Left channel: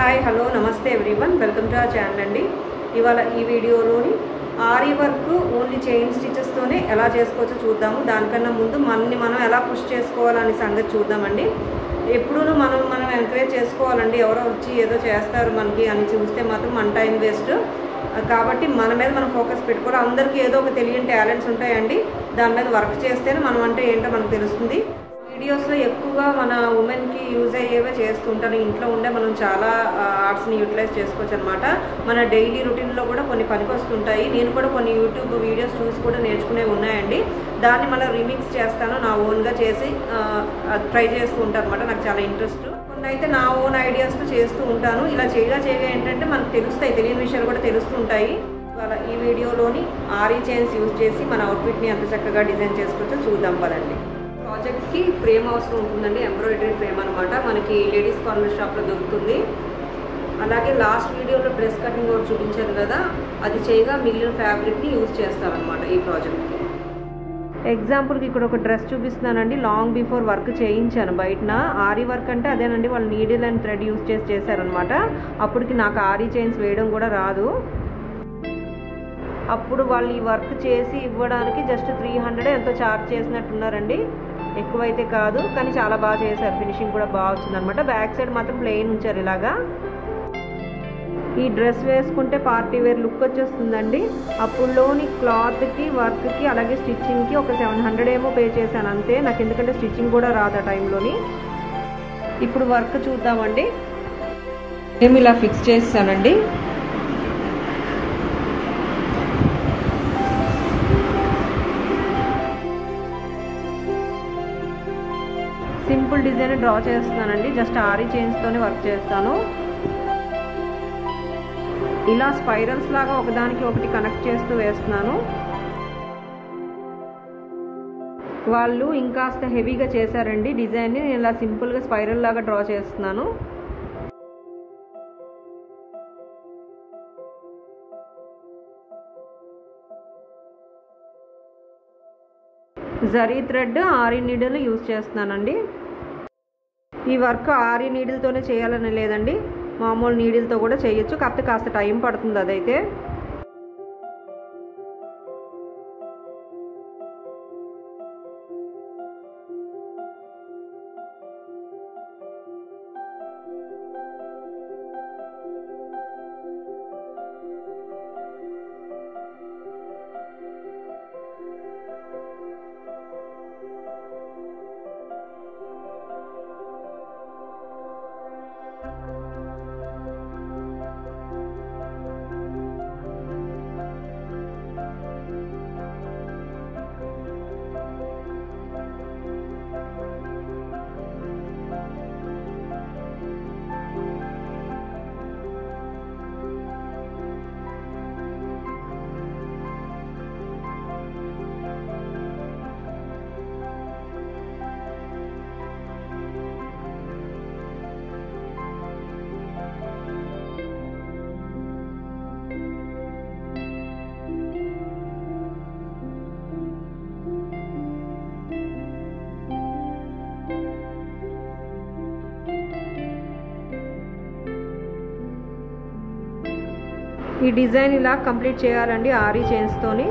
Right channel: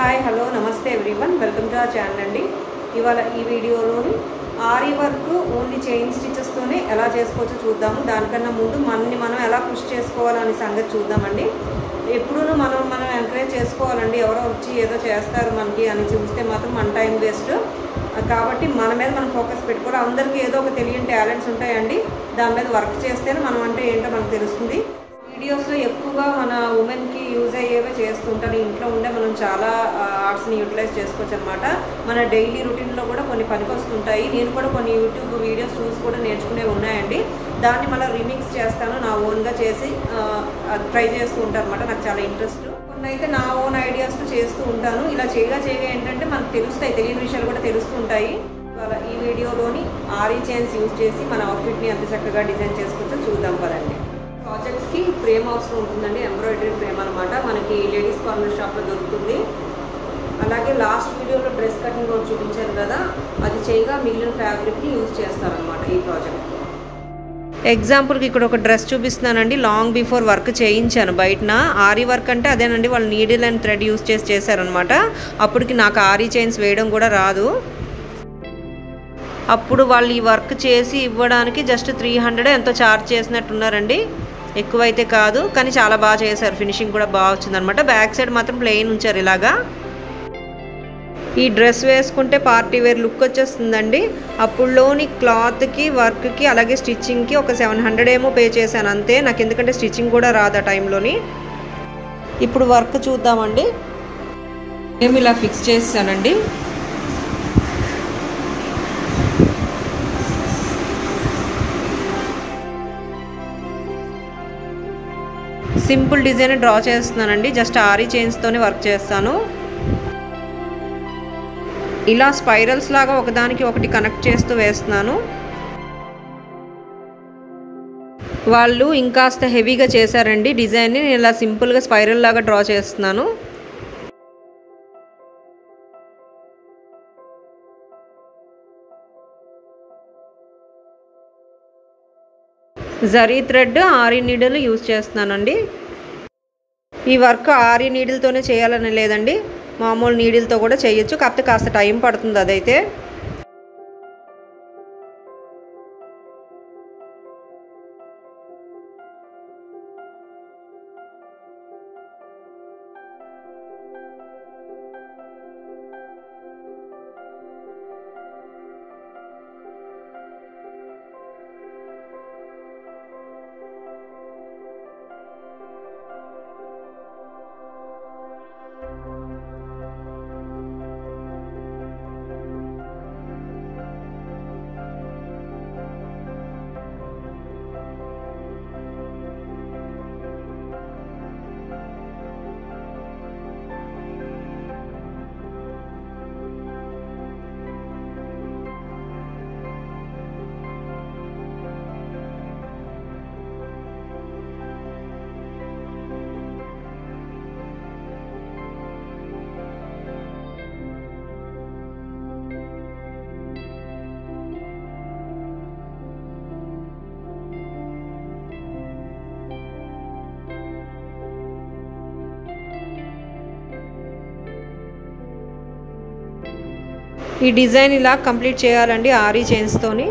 Hi hello నమస్తే everyone welcome to our channel అండి. ఇవాళ ఈ వీడియోలోని ఆరీ వర్క్ ఓన్లీ చైన్ స్టిచెస్తోనే ఎలా చేసుకోవచ్చో చూద్దాము. దానికన్నా ముందు మనం ఎలా పుష్ చేసుకోవాలనే సంగతి చూద్దామండి. ఎప్పుడూ మనం ఎంకరేజ్ చేసుకోవాలండి. ఎవరో వచ్చి ఏదో చేస్తారు మనకి అని చూస్తే మాత్రం మన టైం వేస్ట్. కాబట్టి మన మీద మనం ఫోకస్ పెట్టుకోవాలి. అందరికీ ఏదో ఒక తెలియని టాలెంట్స్ ఉంటాయండి. దాని మీద వర్క్ చేస్తేనే మనం అంటే ఏంటో మనకు తెలుస్తుంది. వీడియోస్లో ఎక్కువగా మన ఉమెన్కి యూజ్ అయ్యేవే చేస్తుంటాను. ఇంట్లో ఉండే మనం చాలా ఆర్ట్స్ని యూటిలైజ్ చేసుకోవచ్చు అనమాట. మన డైలీ రొటీన్లో కూడా కొన్ని పనికి వస్తుంటాయి. నేను కూడా కొన్ని యూట్యూబ్ వీడియోస్ చూసి కూడా నేర్చుకునేవి ఉన్నాయండి. దాన్ని మళ్ళీ రీమిక్స్ చేస్తాను, నా ఓన్గా చేసి ట్రై చేస్తూ ఉంటాను అనమాట. నాకు చాలా ఇంట్రెస్ట్. కొన్ని అయితే నా ఓన్ ఐడియాస్తో చేస్తూ ఉంటాను. ఇలా చేయగా ఏంటంటే మనకు తెలుస్తాయి, తెలియని విషయాలు కూడా తెలుస్తుంటాయి. ఇవాళ ఈ వీడియోలోని ఆరీ చైన్స్ యూజ్ చేసి మన అవుట్ఫిట్ని ఎంత చక్కగా డిజైన్ చేసుకోవచ్చో చూద్దాం పదండి. ప్రాజెక్ట్కి ఫ్రేమ్ అవసరం ఉంటుందండి. ఎంబ్రాయిడరీ ఫ్రేమ్ అనమాట. మనకి లేడీస్ కార్నర్ షాప్లో దొరుకుతుంది. అలాగే లాస్ట్ వీడియోలో డ్రెస్ కటింగ్ కూడా చూపించాను కదా, అది చేయగా మిగిలిన ఫ్యాబ్రిక్ని యూజ్ చేస్తారనమాట ఈ ప్రాజెక్ట్కి. ఎగ్జాంపుల్కి ఇక్కడ ఒక డ్రెస్ చూపిస్తున్నానండి. లాంగ్ బిఫోర్ వర్క్ చేయించాను బయటన. ఆరీ వర్క్ అంటే అదేనండి, వాళ్ళు నీడిల్ అండ్ థ్రెడ్ యూజ్ చేసి చేశారనమాట. అప్పటికి నాకు ఆరీ చైన్స్ వేయడం కూడా రాదు. అప్పుడు వాళ్ళు ఈ వర్క్ చేసి ఇవ్వడానికి జస్ట్ 300 ఎంతో ఛార్జ్ చేసినట్టున్నారండి. ఎక్కువైతే కాదు, కానీ చాలా బాగా చేశారు. ఫినిషింగ్ కూడా బాగా వచ్చిందనమాట. బ్యాక్ సైడ్ మాత్రం ప్లెయిన్ ఉంచారు ఇలాగా. ఈ డ్రెస్ వేసుకుంటే పార్టీ వేర్ లుక్ వచ్చేస్తుందండి. అప్పుడులోని క్లాత్కి, వర్క్కి, అలాగే స్టిచ్చింగ్కి ఒక 700 ఏమో పే చేశాను అంతే. నాకు ఎందుకంటే స్టిచ్చింగ్ కూడా రాదు ఆ టైంలోని. ఇప్పుడు వర్క్ చూద్దామండి. నేను ఇలా ఫిక్స్ చేసానండి. సింపుల్ డిజైన్ డ్రా చేస్తున్నానండి. జస్ట్ ఆరీ చైన్స్తోనే వర్క్ చేస్తాను. ఇలా స్పైరల్స్ లాగా ఒకదానికి ఒకటి కనెక్ట్ చేస్తూ వేస్తున్నాను. వాళ్ళు ఇంకాస్త హెవీగా చేశారండి డిజైన్ని. నేను ఇలా సింపుల్గా స్పైరల్ లాగా డ్రా చేస్తున్నాను. Zari thread, ary needle use చేస్తున్నానండి. ఈ వర్క్ ఆరీ నీడిల్తోనే చేయాలని లేదండి, మామూలు నీడిల్తో కూడా చేయొచ్చు. కాకపోతే కాస్త టైం పడుతుంది అదైతే. ఈ డిజైన్ ఇలా కంప్లీట్ చేయాలండి ఆరీ చైన్స్తోని.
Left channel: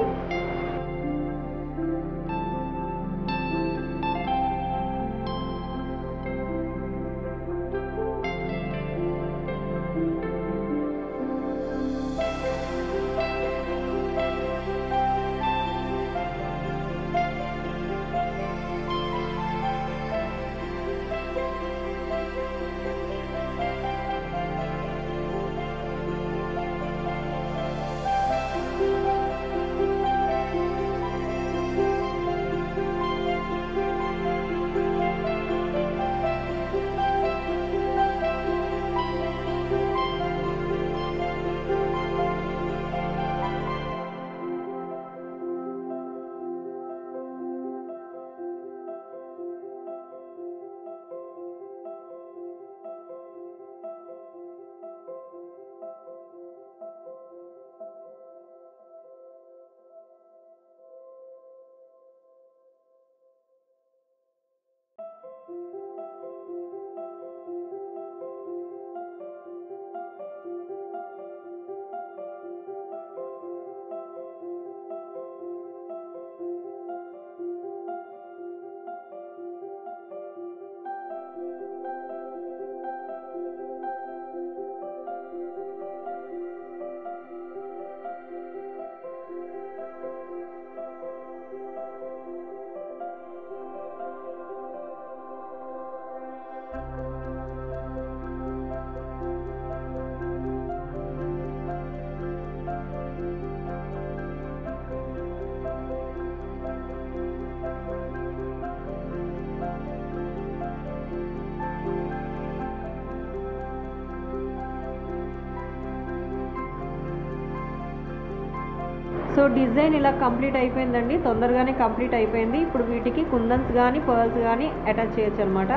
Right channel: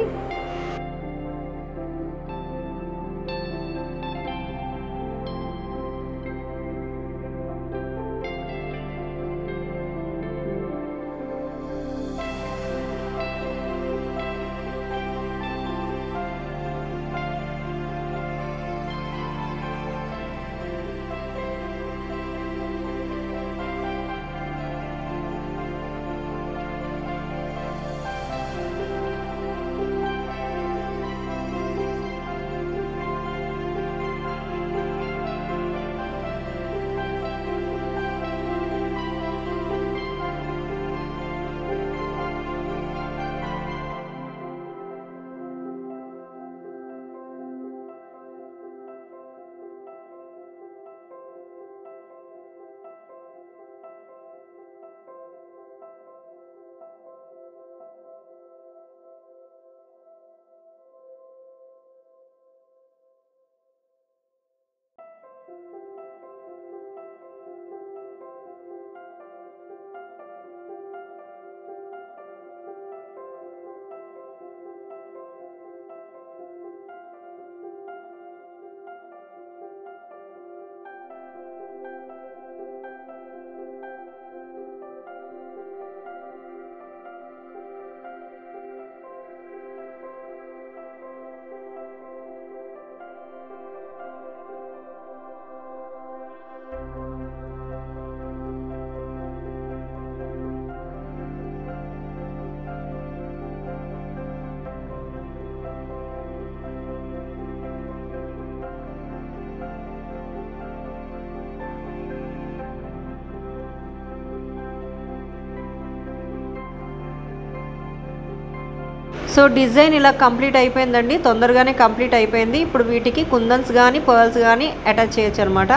సో డిజైన్ ఇలా కంప్లీట్ అయిపోయిందండి, తొందరగానే కంప్లీట్ అయిపోయింది. ఇప్పుడు వీటికి కుందన్స్ కానీ పర్ల్స్ కానీ అటాచ్ చేయొచ్చు అనమాట.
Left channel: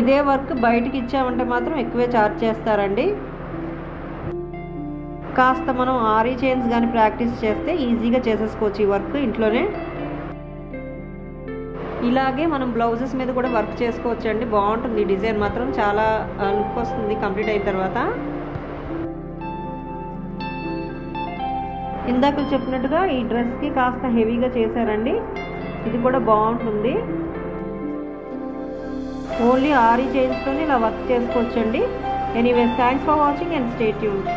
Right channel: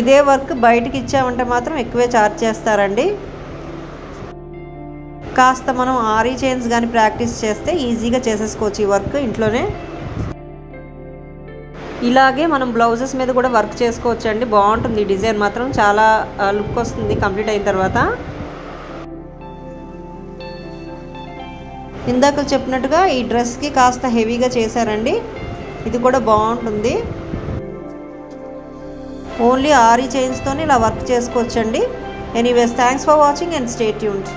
ఇదే వర్క్ బయటికి ఇచ్చామంటే మాత్రం ఎక్కువే ఛార్జ్ చేస్తారండి. కాస్త మనం ఆరీ చైన్స్ కానీ ప్రాక్టీస్ చేస్తే ఈజీగా చేసేసుకోవచ్చు ఈ వర్క్ ఇంట్లోనే. ఇలాగే మనం బ్లౌజెస్ మీద కూడా వర్క్ చేసుకోవచ్చు అండి, బాగుంటుంది. డిజైన్ మాత్రం చాలా లుక్ వస్తుంది కంప్లీట్ అయిన తర్వాత. ఇందాక చెప్పినట్టుగా ఈ డ్రెస్కి కాస్త హెవీగా చేశారండి, ఇది కూడా బాగుంటుంది. ఓన్లీ ఆరీ చైన్స్తోనే ఇలా వర్క్ చేసుకోవచ్చండి. Anyways, thanks for watching and stay tuned.